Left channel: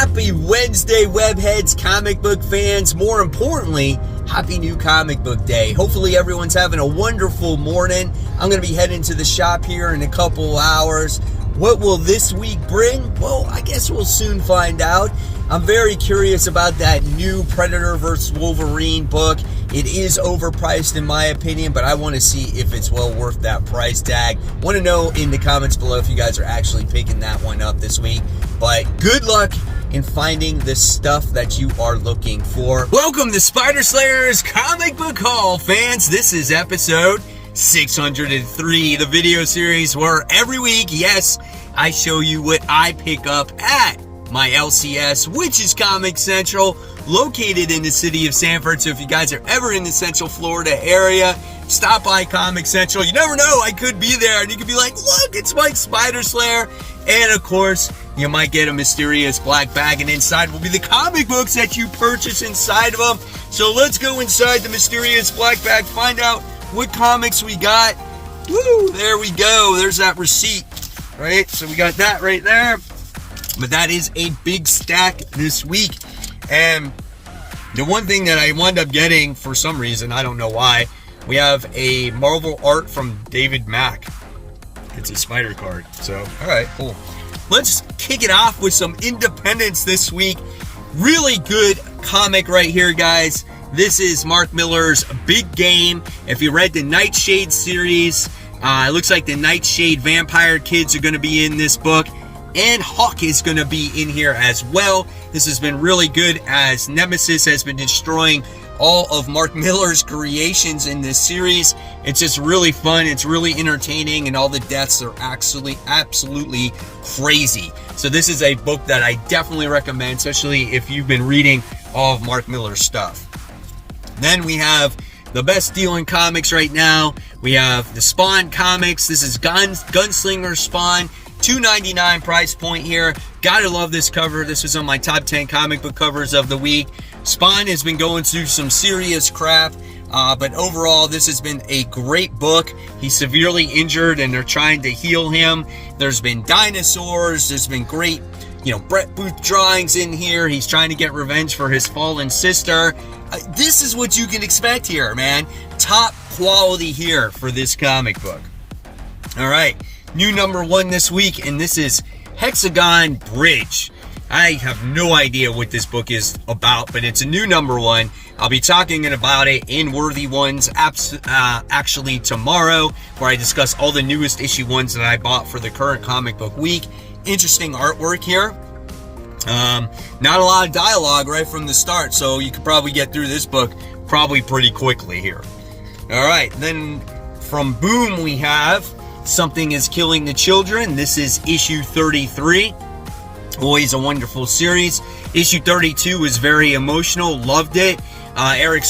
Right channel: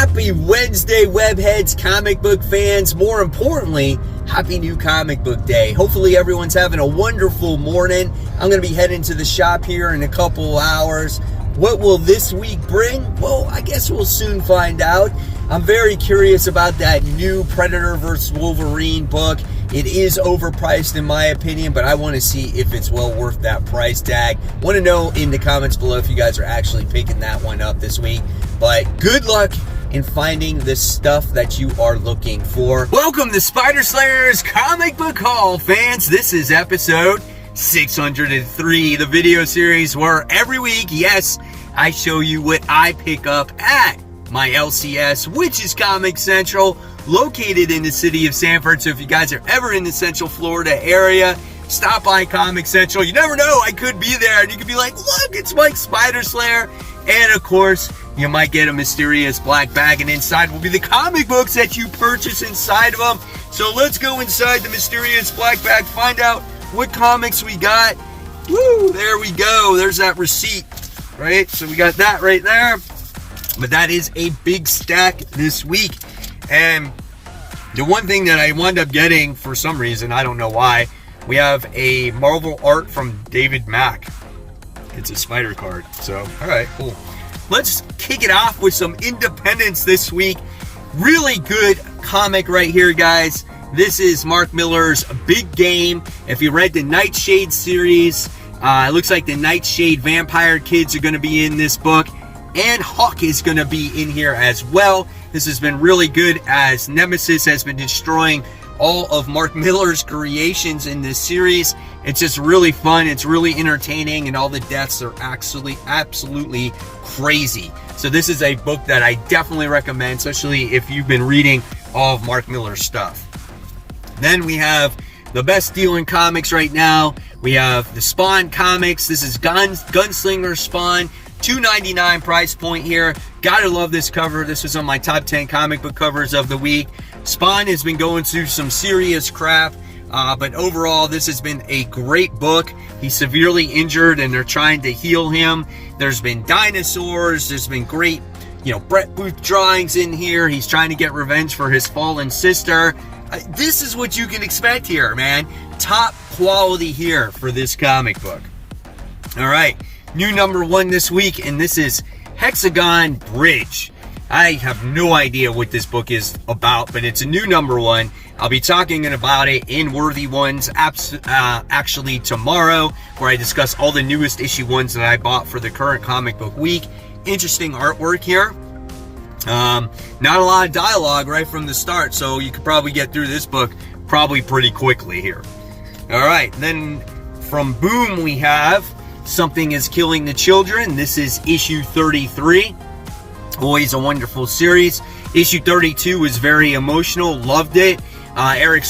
Happy Wednesday, webheads, comic book fans. More importantly, happy new comic book day. Hopefully everyone's having a wonderful morning. I'm going to be heading to the shop here in a couple hours. What will this week bring? Well, I guess we'll soon find out. I'm very curious about that new Predator vs. Wolverine book. It is overpriced in my opinion, but I want to see if it's well worth that price tag. Want to know in the comments below if you guys are actually picking that one up this week. But good luck in finding the stuff that you are looking for. Welcome to Spider Slayer's Comic Book Haul, fans. This is episode 603, the video series where every week, yes, I show you what I pick up at my LCS, which is Comic Central, located in the city of Sanford. So if you guys are ever in the Central Florida area, stop by Comic Central. You never know, I could be there and you could be like, look, it's Mike Spider Slayer. And of course, you might get a mysterious black bag, and inside will be the comic books that you purchase inside of them. So let's go inside the mysterious black bag, find out what comics we got. Woo, there we go. There's that receipt, right? So we got that right there. But that is a big stack this week. And the one thing that I wound up getting for some reason, I don't know why, we have a Marvel art from David Mack. It's a Spider card. So, all right, cool. Let's kick it off with some independence this week. Really good comic right here, guys. This is Mark Millar's Big Game. If you read the Nightshade series, it looks like the Nightshade vampire kids are going to be in this book. And Hawk is going to be in here as well. This has been really good as Nemesis has been destroying all of Mark Millar's creations in this series. It's just really fun. It's really entertaining, and all the deaths are actually absolutely crazy. So this is a book that I definitely recommend, especially if you've been reading all of Mark Millar's stuff. Then we have the best deal in comics right now. We have the Spawn comics. This is Gunslinger Spawn. $2.99 price point here. Gotta love this cover. This was on my top 10 comic book covers of the week. Spawn has been going through some serious crap, but overall this has been a great book. He's severely injured and they're trying to heal him. There's been dinosaurs. There's been great, Brett Booth drawings in here. He's trying to get revenge for his fallen sister. This is what you can expect here, man. Top quality here for this comic book. All right. New number one this week, and this is Hexagon Bridge. I have no idea what this book is about, but it's a new number one. I'll be talking about it in Worthy Ones actually tomorrow, where I discuss all the newest issue ones that I bought for the current comic book week. Interesting artwork here. Not a lot of dialogue right from the start, so you could probably get through this book probably pretty quickly here. All right, then from Boom we have Something is Killing the Children. This is issue 33. Always a wonderful series. Issue 32 was very emotional. Loved it. Erica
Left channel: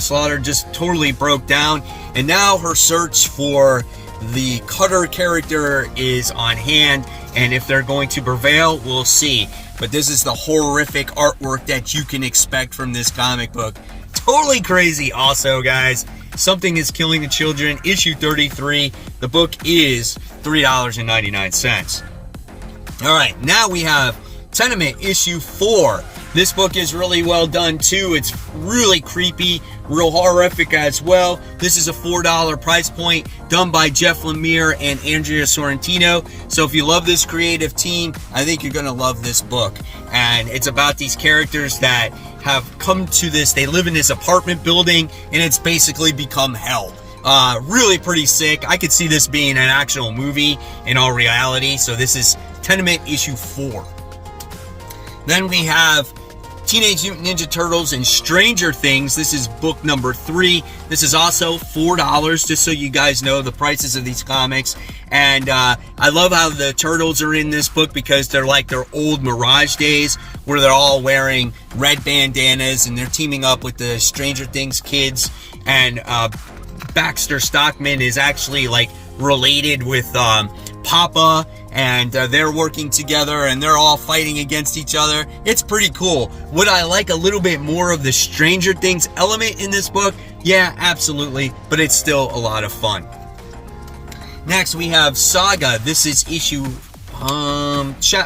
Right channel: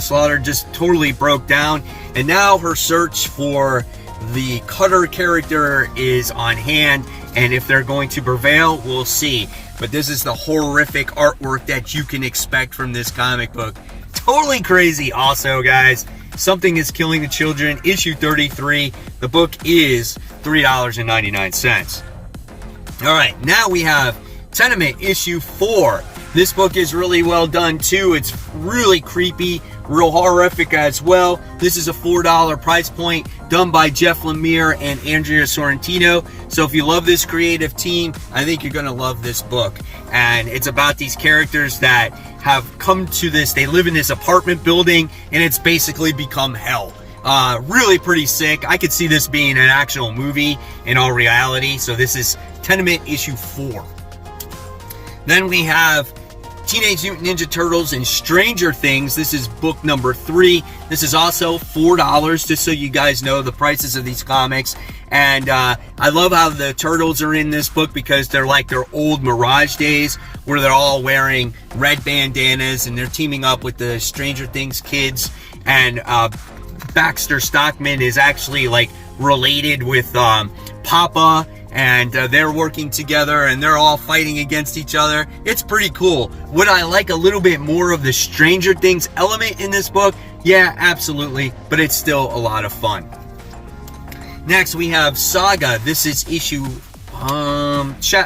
Slaughter just totally broke down. And now her search for the Cutter character is on hand. And if they're going to prevail, we'll see. But this is the horrific artwork that you can expect from this comic book. Totally crazy also, guys. Something is Killing the Children, issue 33. The book is $3.99. All right, now we have Tenement, issue 4. This book is really well done, too. It's really creepy, real horrific as well. This is a $4 price point, done by Jeff Lemire and Andrea Sorrentino. So if you love this creative team, I think you're going to love this book. And it's about these characters that have come to this, they live in this apartment building, and it's basically become hell. Really pretty sick. I could see this being an actual movie in all reality. So this is Tenement issue 4. Then we have Teenage Mutant Ninja Turtles and Stranger Things. This is book number 3. This is also $4, just so you guys know the prices of these comics. And I love how the Turtles are in this book because they're like their old Mirage days where they're all wearing red bandanas and they're teaming up with the Stranger Things kids. And Baxter Stockman is actually like related with Papa, and they're working together and they're all fighting against each other. It's pretty cool. Would I like a little bit more of the Stranger Things element in this book? Yeah, absolutely, but it's still a lot of fun. Next we have Saga. This is issue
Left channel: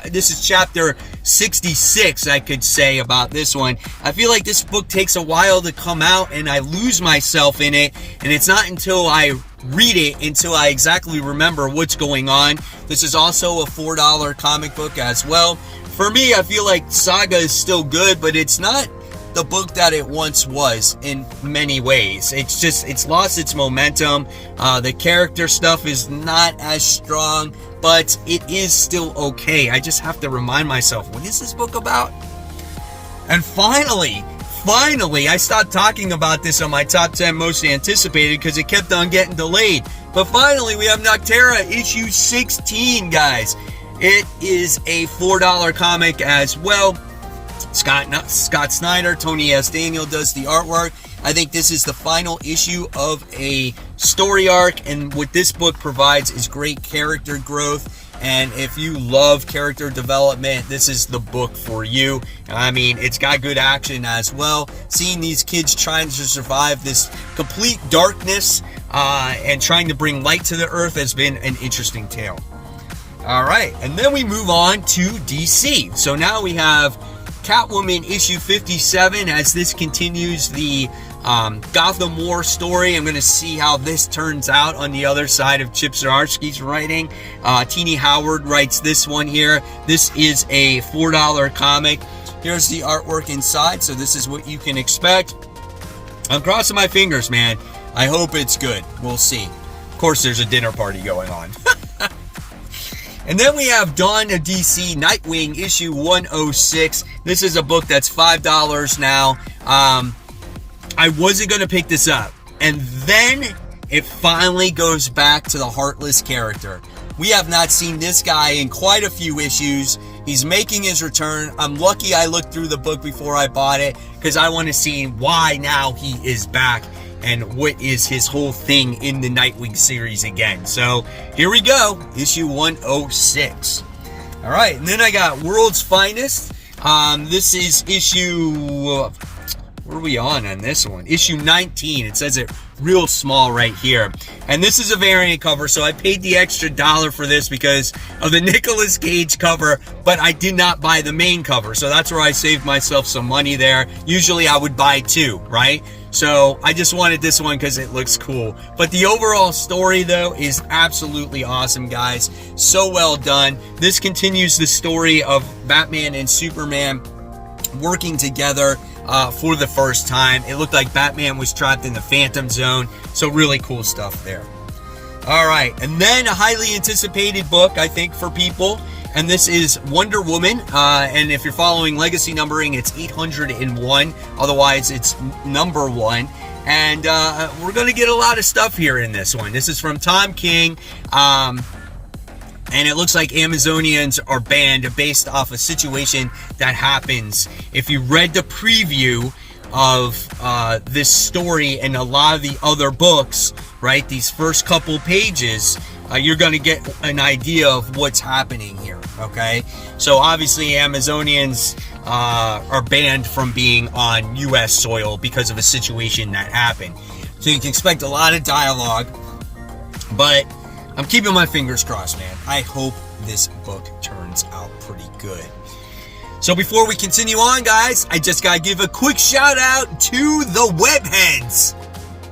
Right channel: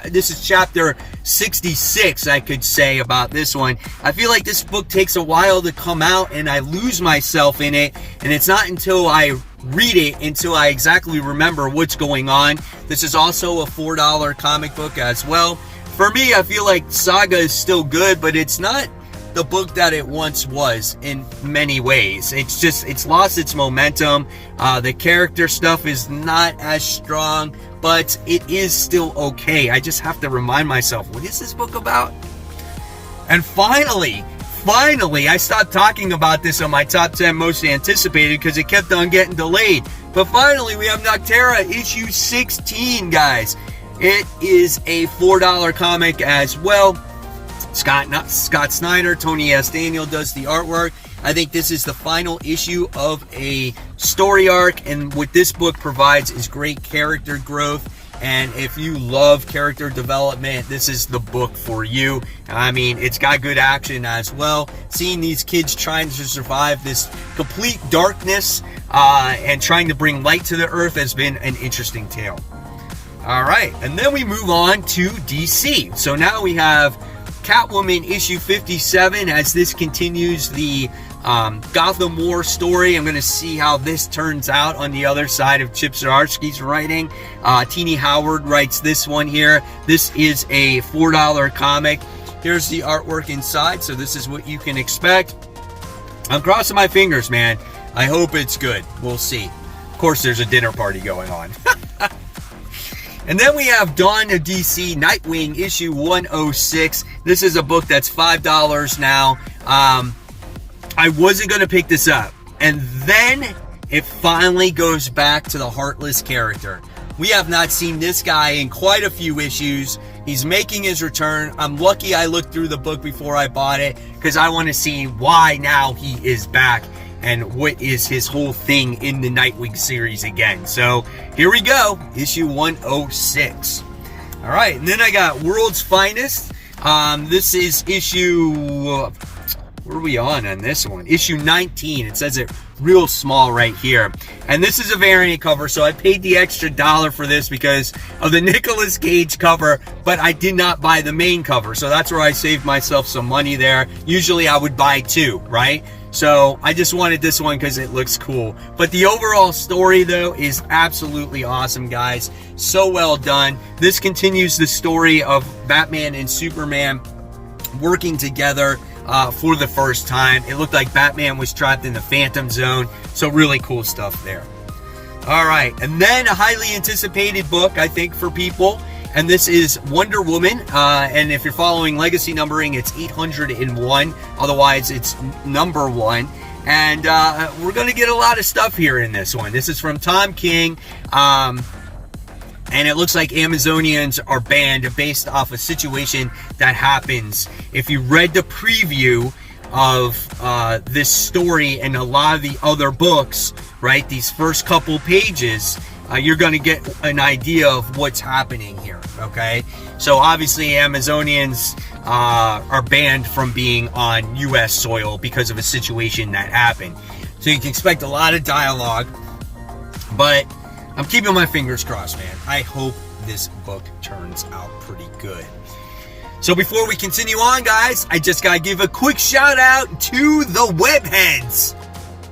This is chapter 66, I could say, about this one. I feel like this book takes a while to come out, and I lose myself in it, and it's not until I read it until I exactly remember what's going on. This is also a $4 comic book as well. For me, I feel like Saga is still good, but it's not the book that it once was in many ways. It's lost its momentum. The character stuff is not as strong, but it is still okay. I just have to remind myself, what is this book about? And finally, I stopped talking about this on my top 10 most anticipated because it kept on getting delayed. But finally, we have Noctera issue 16, guys. It is a $4 comic as well. Scott Snyder, Tony S. Daniel does the artwork. I think this is the final issue of a story arc, and what this book provides is great character growth. And if you love character development, this is the book for you. I mean, it's got good action as well. Seeing these kids trying to survive this complete darkness and trying to bring light to the earth has been an interesting tale. All right, and then we move on to DC. So now we have Catwoman issue 57 as this continues the Gotham War story. I'm going to see how this turns out on the other side of Chip Zdarsky's writing. Teenie Howard writes this one here. This is a $4 comic. Here's the artwork inside, so this is what you can expect. I'm crossing my fingers, man. I hope it's good. We'll see. Of course, there's a dinner party going on. And then we have Dawn of DC Nightwing issue 106. This is a book that's $5 now. I wasn't going to pick this up. And then it finally goes back to the Heartless character. We have not seen this guy in quite a few issues. He's making his return. I'm lucky I looked through the book before I bought it because I want to see why now he is back and what is his whole thing in the Nightwing series again. So here we go, issue 106. All right, and then I got World's Finest. This is issue, where are we on this one? Issue 19. It says it real small right here. And this is a variant cover, so I paid the extra $1 for this because of the Nicolas Cage cover, but I did not buy the main cover. So that's where I saved myself some money there. Usually I would buy two, right? So I just wanted this one because it looks cool. But the overall story, though, is absolutely awesome, guys. So well done. This continues the story of Batman and Superman working together for the first time. It looked like Batman was trapped in the Phantom Zone. So really cool stuff there. All right. And then a highly anticipated book, I think, for people. And this is Wonder Woman, and if you're following legacy numbering, it's 801. Otherwise, it's number 1. And we're going to get a lot of stuff here in this one. This is from Tom King, and it looks like Amazonians are banned based off a situation that happens. If you read the preview of this story and a lot of the other books, right, these first couple pages, you're going to get an idea of what's happening here, okay? So obviously Amazonians are banned from being on U.S. soil because of a situation that happened. So you can expect a lot of dialogue, but I'm keeping my fingers crossed, man. I hope this book turns out pretty good. So before we continue on, guys, I just got to give a quick shout out to the webheads.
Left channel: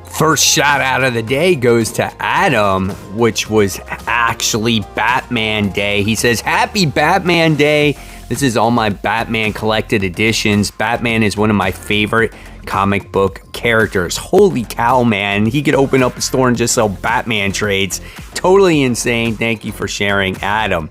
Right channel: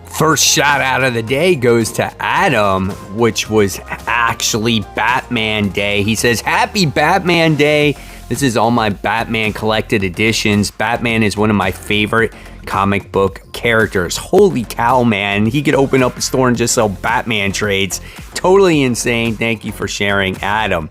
First shout out of the day goes to Adam, which was actually Batman Day. He says, "Happy Batman Day. This is all my Batman collected editions. Batman is one of my favorite comic book characters. Holy cow, man. He could open up a store and just sell Batman trades. Totally insane. Thank you for sharing, Adam."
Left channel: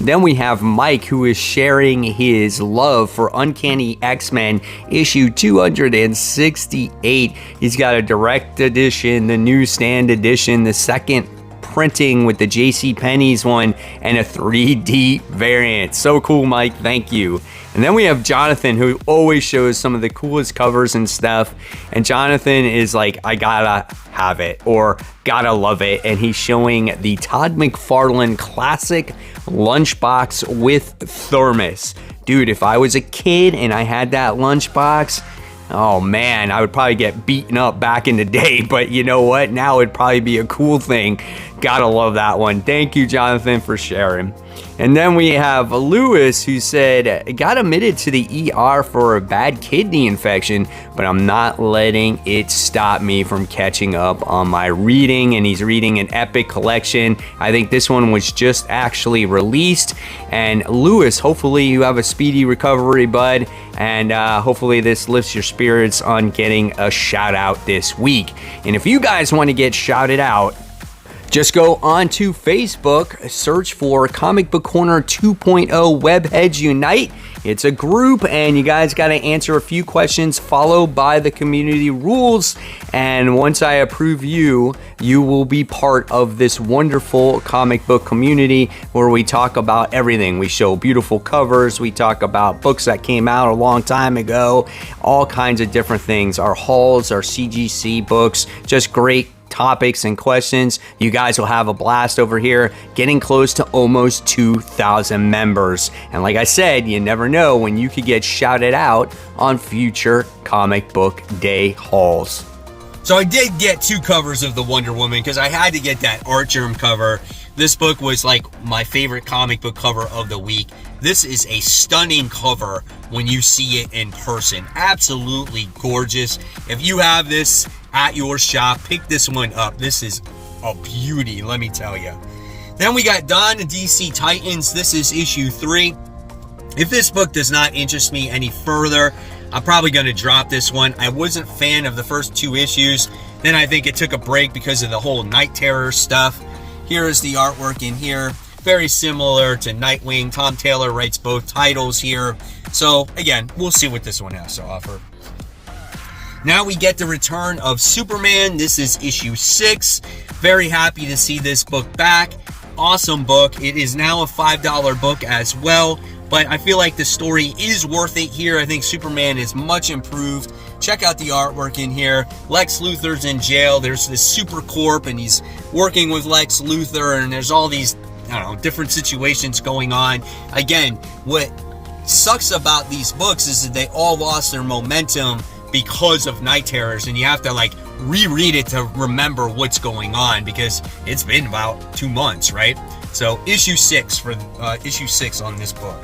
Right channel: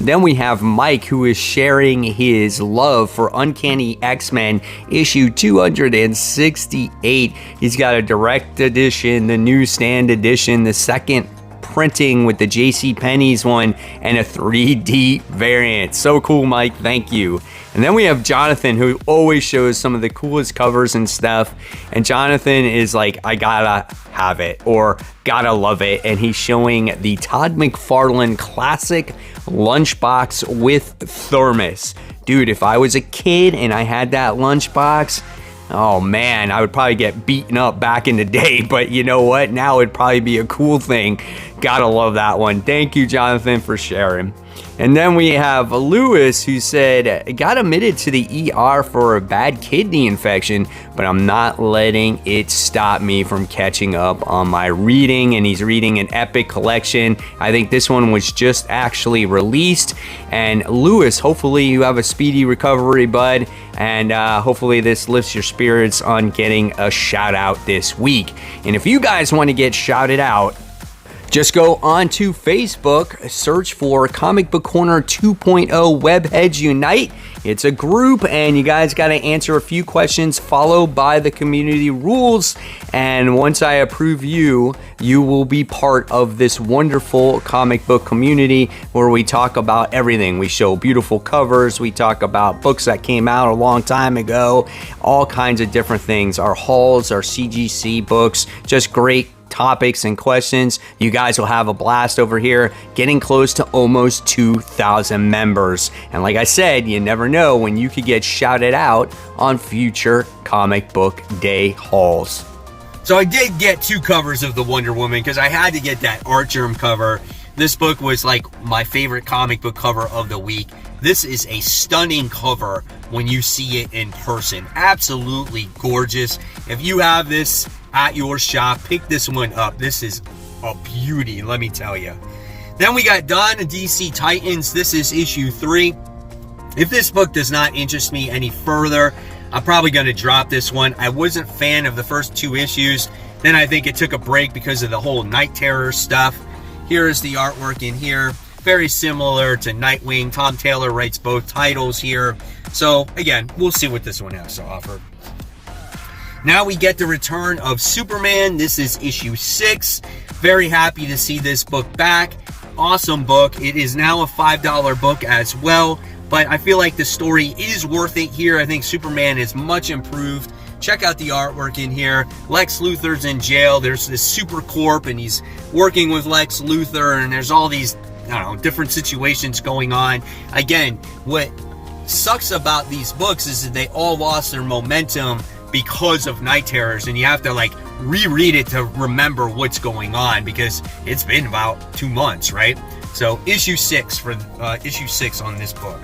Then we have Mike, who is sharing his love for Uncanny X-Men issue 268. He's got a direct edition, the newsstand edition, the second printing with the JCPenney's one, and a 3D variant. So cool, Mike. Thank you. And then we have Jonathan, who always shows some of the coolest covers and stuff. And Jonathan is like, I gotta have it or gotta love it. And he's showing the Todd McFarlane classic lunchbox with thermos. Dude, if I was a kid and I had that lunchbox, oh man, I would probably get beaten up back in the day, but you know what? Now it'd probably be a cool thing Gotta love that one. Thank you, Jonathan, for sharing. And then we have Lewis, who said, got admitted to the ER for a bad kidney infection, but I'm not letting it stop me from catching up on my reading. And he's reading an epic collection. I think this one was just actually released. And Lewis, hopefully you have a speedy recovery, bud. And hopefully this lifts your spirits on getting a shout out this week. And if you guys want to get shouted out, just go on to Facebook, search for Comic Book Corner 2.0 Webheads Unite. It's a group, and you guys got to answer a few questions followed by the community rules. And once I approve you, you will be part of this wonderful comic book community where we talk about everything. We show beautiful covers. We talk about books that came out a long time ago, all kinds of different things. Our hauls, our CGC books, just great topics and questions. You guys will have a blast over here, getting close to almost 2,000 members. And like I said, you never know when you could get shouted out on future comic book day hauls. So I did get 2 covers of the Wonder Woman because I had to get that Artgerm cover. This book was like my favorite comic book cover of the week. This is a stunning cover when you see it in person. Absolutely gorgeous. If you have this at your shop, pick this one up. This is a beauty, let me tell you. Then we got Dawn of DC Titans. This is issue 3. If this book does not interest me any further, I'm probably going to drop this one. I wasn't a fan of the first 2 issues. Then I think it took a break because of the whole Night Terror stuff. Here is the artwork in here. Very similar to Nightwing. Tom Taylor writes both titles here. So, again, we'll see what this one has to offer. Now we get the return of Superman. This is issue 6. Very happy to see this book back. Awesome book. It is now a $5 book as well. But I feel like the story is worth it here. I think Superman is much improved. Check out the artwork in here. Lex Luthor's in jail. There's this super corp and he's working with Lex Luthor, and there's all these, I don't know, different situations going on. Again, what sucks about these books is that they all lost their momentum because of Night Terrors, and you have to like reread it to remember what's going on because it's been about 2 months, right? So issue 6 for issue 6 on this book.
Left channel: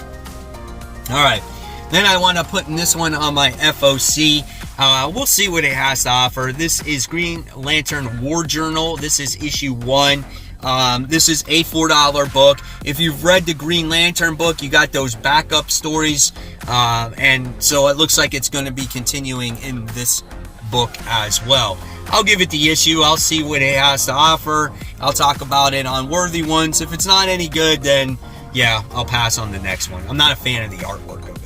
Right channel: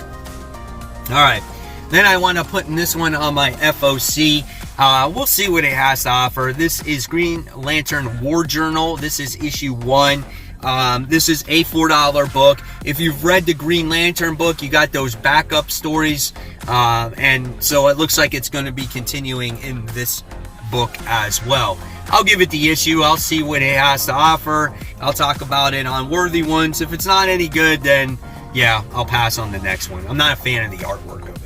All right, then I want to put in this one on my FOC. We'll see what it has to offer. This is Green Lantern War Journal. This is issue 1. This is a $4 book. If you've read the Green Lantern book, you got those backup stories. And so it looks like it's going to be continuing in this book as well. I'll give it the issue. I'll see what it has to offer. I'll talk about it on Worthy Ones. If it's not any good, then yeah, I'll pass on the next one. I'm not a fan of the artwork of it.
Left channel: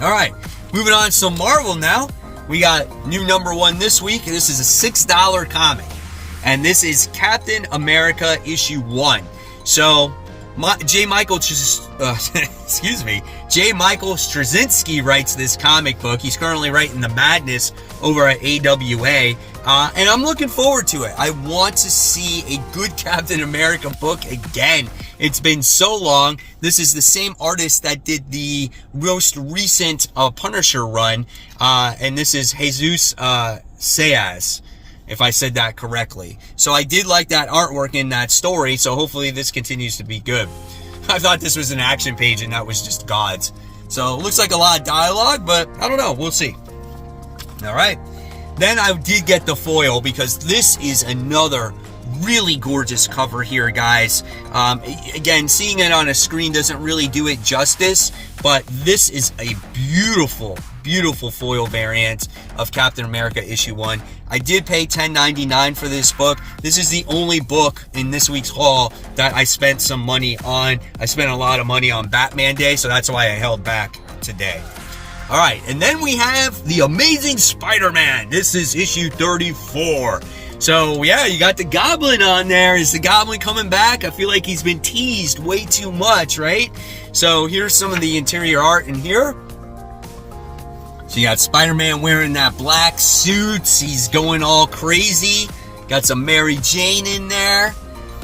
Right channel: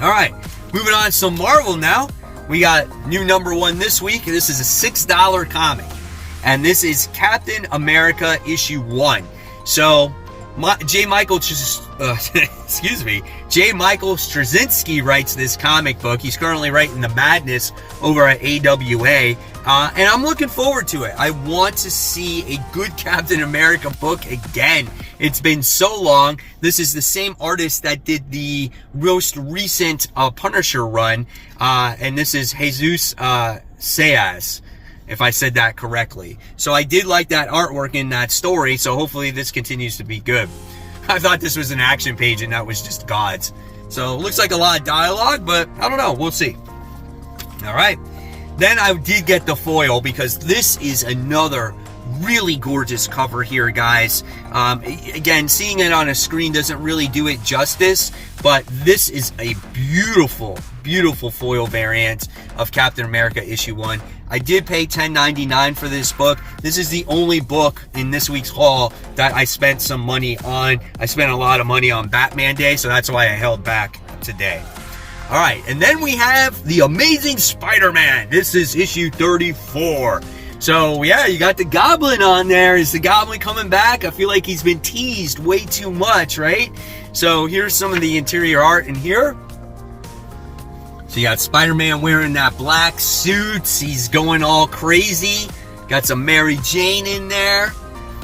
All right, moving on to Marvel now. We got new number 1 this week. This is a $6 comic. And this is Captain America issue 1. So, J. Michael Straczynski writes this comic book. He's currently writing The Madness over at AWA. And I'm looking forward to it. I want to see a good Captain America book again. It's been so long. This is the same artist that did the most recent Punisher run. And this is Jesus Sayas, if I said that correctly. So I did like that artwork in that story, so hopefully this continues to be good. I thought this was an action page and that was just gods. So it looks like a lot of dialogue, but I don't know, we'll see. All right, then I did get the foil because this is another really gorgeous cover here, guys. Again, seeing it on a screen doesn't really do it justice, but this is a beautiful, beautiful foil variant of Captain America issue 1. I did pay $10.99 for this book. This is the only book in this week's haul that I spent some money on. I spent a lot of money on Batman Day, so that's why I held back today. All right, and then we have The Amazing Spider-Man. This is issue 34. So, yeah, you got the Goblin on there. Is the Goblin coming back? I feel like he's been teased way too much, right? So, here's some of the interior art in here. So, you got Spider-Man wearing that black suit. He's going all crazy. Got some Mary Jane in there.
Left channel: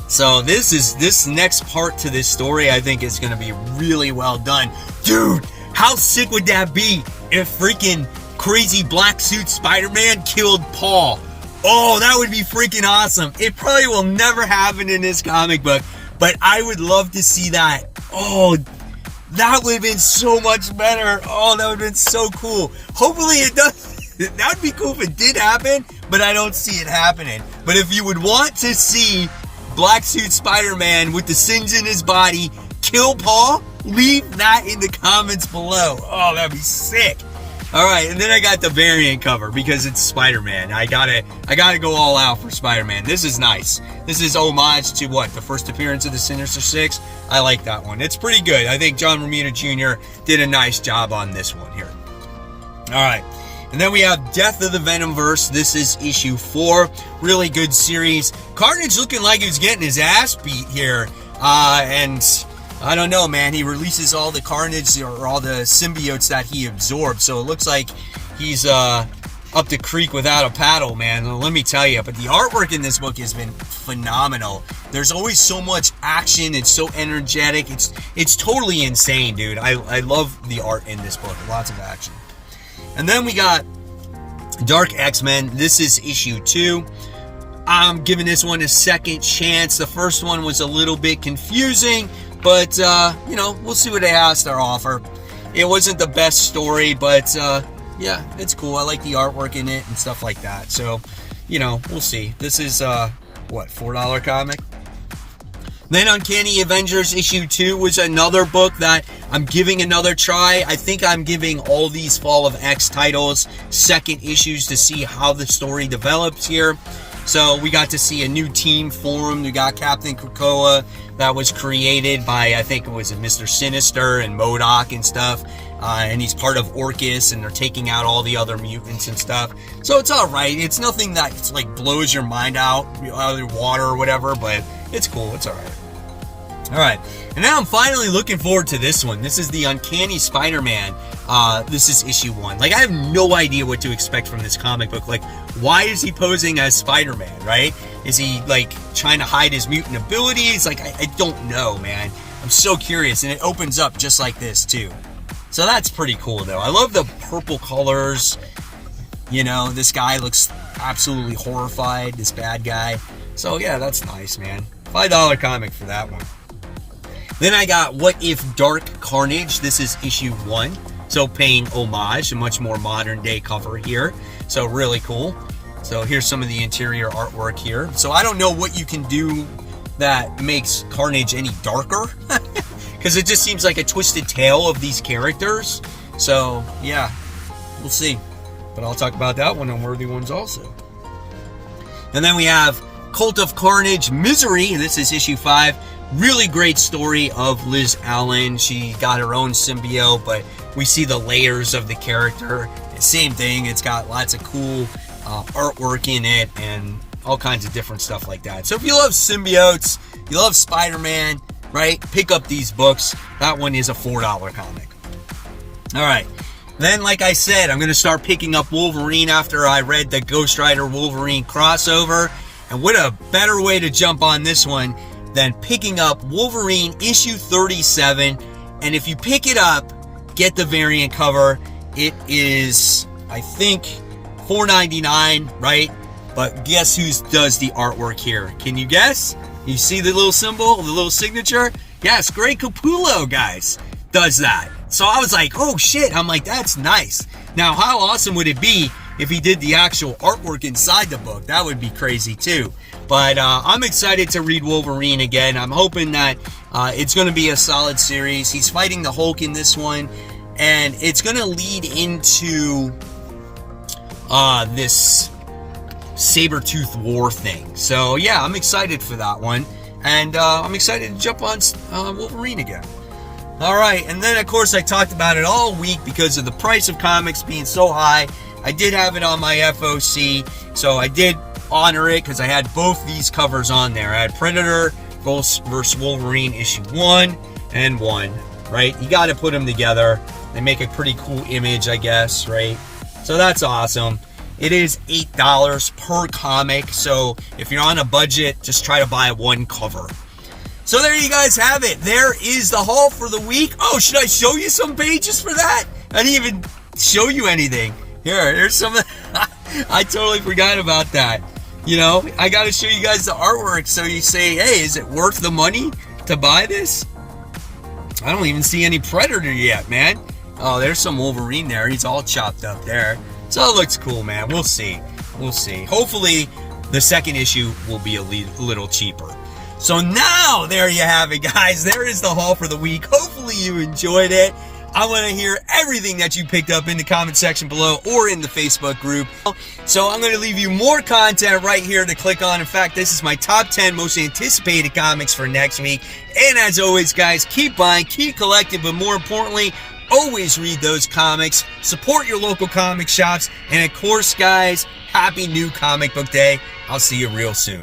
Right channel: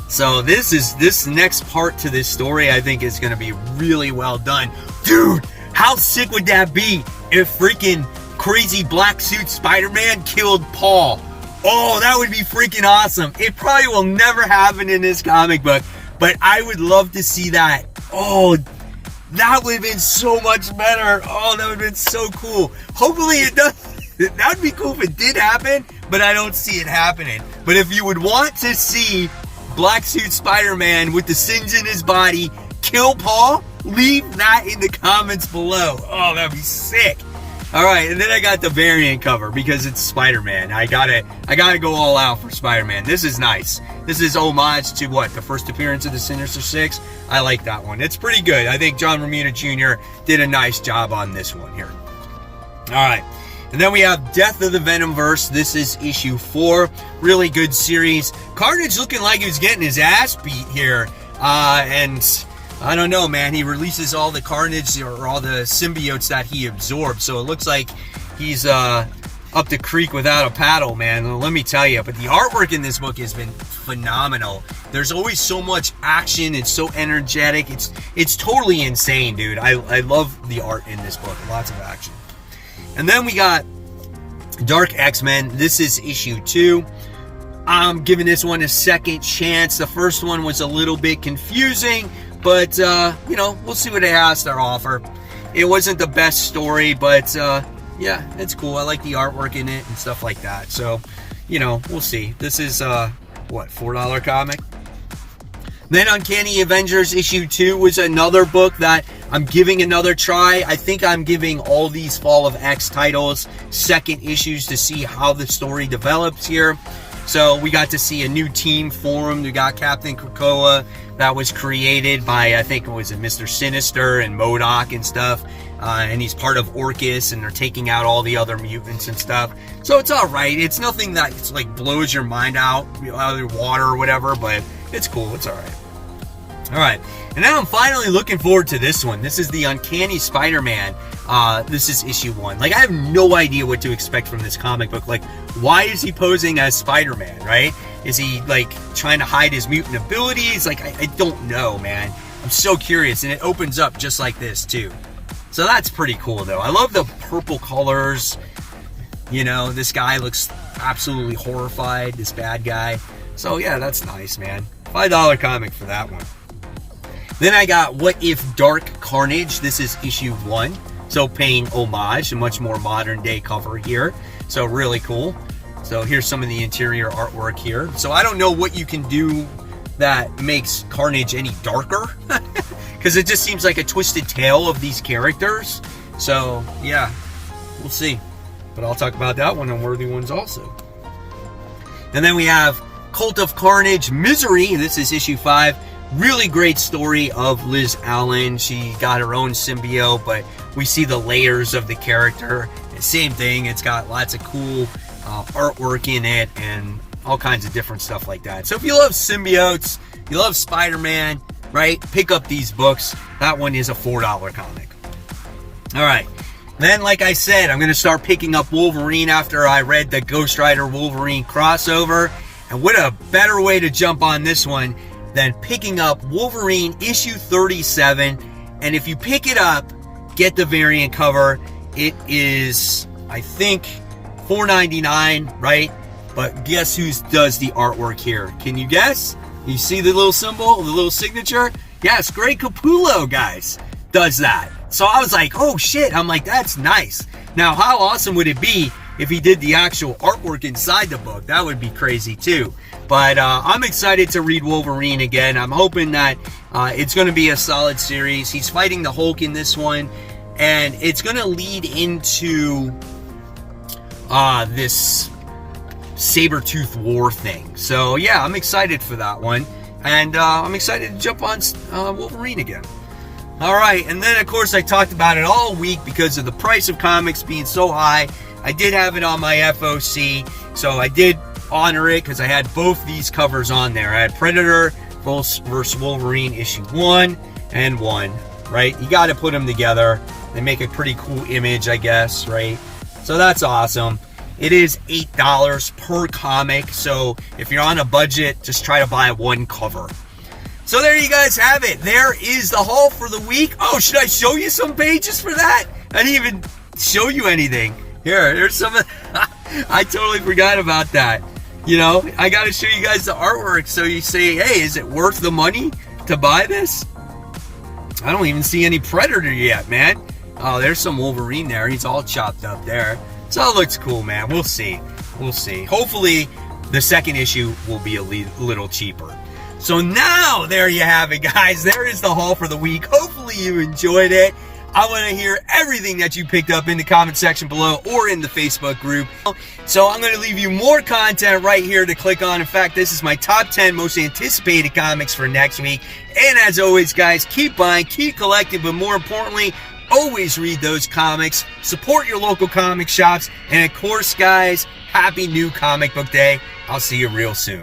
So, this next part to this story, I think, is going to be really well done. Dude, how sick would that be if freaking crazy black suit Spider-Man killed Paul? Oh, that would be freaking awesome. It probably will never happen in this comic book, but I would love to see that. Oh, that would have been so much better. Oh, that would have been so cool. Hopefully it does. That would be cool if it did happen, but I don't see it happening. But if you would want to see Black Suit Spider-Man with the sins in his body kill Paul, leave that in the comments below. Oh, that'd be sick. All right, and then I got the variant cover because it's Spider-Man. I gotta go all out for Spider-Man. This is nice. This is homage to what? The first appearance of the Sinister Six. I like that one. It's pretty good. I think John Romita Jr. did a nice job on this one here. All right, and then we have Death of the Venomverse. This is issue 4. Really good series. Carnage looking like he was getting his ass beat here, and I don't know, man. He releases all the carnage or all the symbiotes that he absorbed. So it looks like he's up the creek without a paddle, man. Let me tell you. But the artwork in this book has been phenomenal. There's always so much action. It's so energetic. It's totally insane, dude. I love the art in this book. Lots of action. And then we got Dark X-Men. This is issue 2. I'm giving this one a second chance. The first one was a little bit confusing. But, you know, we'll see what it has to offer. It wasn't the best story, but, yeah, it's cool. I like the artwork in it and stuff like that. So, you know, we'll see. This is, what, $4 comic? Then Uncanny Avengers issue 2 was another book that I'm giving another try. I think I'm giving all these Fall of X titles second issues to see how the story develops here. So we got to see a new team form. We got Captain Krakoa that was created by, I think it was Mr. Sinister and MODOK and stuff. And he's part of Orcus, and they're taking out all the other mutants and stuff. So it's all right. It's nothing that it's like blows your mind out of the water or whatever, but it's cool. It's all right. All right. And now I'm finally looking forward to this one. This is the Uncanny Spider-Man. This is issue 1. Like, I have no idea what to expect from this comic book. Like, why is he posing as Spider-Man, right? Is he, like, trying to hide his mutant abilities? Like, I don't know, man. I'm so curious. And it opens up just like this, too. So that's pretty cool, though. I love the purple colors. You know, this guy looks absolutely horrified, this bad guy. So, yeah, that's nice, man. $5 comic for that one. Then I got What If Dark Carnage. This is issue 1. So paying homage, a much more modern day cover here. So really cool. So here's some of the interior artwork here. So I don't know what you can do that makes Carnage any darker. Because it just seems like a twisted tale of these characters. So yeah, we'll see. But I'll talk about that one on Worthy Ones also. And then we have Cult of Carnage Misery. This is issue 5. Really great story of Liz Allen. She got her own symbiote, but we see the layers of the character. Same thing. It's got lots of cool artwork in it and all kinds of different stuff like that. So if you love symbiotes, you love Spider-Man, right? Pick up these books. That one is a $4 comic. All right. Then, like I said, I'm going to start picking up Wolverine after I read the Ghost Rider Wolverine crossover. And what a better way to jump on this one than picking up Wolverine issue 37. And if you pick it up, get the variant cover. It is, I think, $4.99, right? But guess who does the artwork here? Can you guess? You see the little symbol, the little signature? Yes, Greg Capullo, guys, does that. So I was like, oh shit. I'm like, that's nice. Now, how awesome would it be if he did the actual artwork inside the book? That would be crazy too. But I'm excited to read Wolverine again. I'm hoping that it's going to be a solid series. He's fighting the Hulk in this one, and it's going to lead into this Sabretooth War thing. So yeah, I'm excited for that one, and I'm excited to jump on Wolverine again. All right, and then of course I talked about it all week because of the price of comics being so high. I did have it on my FOC, so I did honor it because I had both these covers on there. I had Predator vs. Wolverine issue 1 and 1, right? You got to put them together. They make a pretty cool image, I guess, right? So that's awesome. It is $8 per comic, so if you're on a budget, just try to buy one cover. So there you guys have it. There is the haul for the week. Oh, should I show you some pages for that? I didn't even show you anything. Here's some of I totally forgot about that. You know, I got to show you guys the artwork so you say, hey, is it worth the money to buy this? I don't even see any Predator yet, man. Oh, there's some Wolverine there. He's all chopped up there. So it looks cool, man. We'll see. We'll see. Hopefully, the second issue will be a little cheaper. So now, there you have it, guys. There is the haul for the week. Hopefully, you enjoyed it. I want to hear everything that you picked up in the comment section below or in the Facebook group. So I'm going to leave you more content right here to click on. In fact, this is my top 10 most anticipated comics for next week. And as always, guys, keep buying, keep collecting, but more importantly, always read those comics. Support your local comic shops. And of course, guys, happy new comic book day. I'll see you real soon.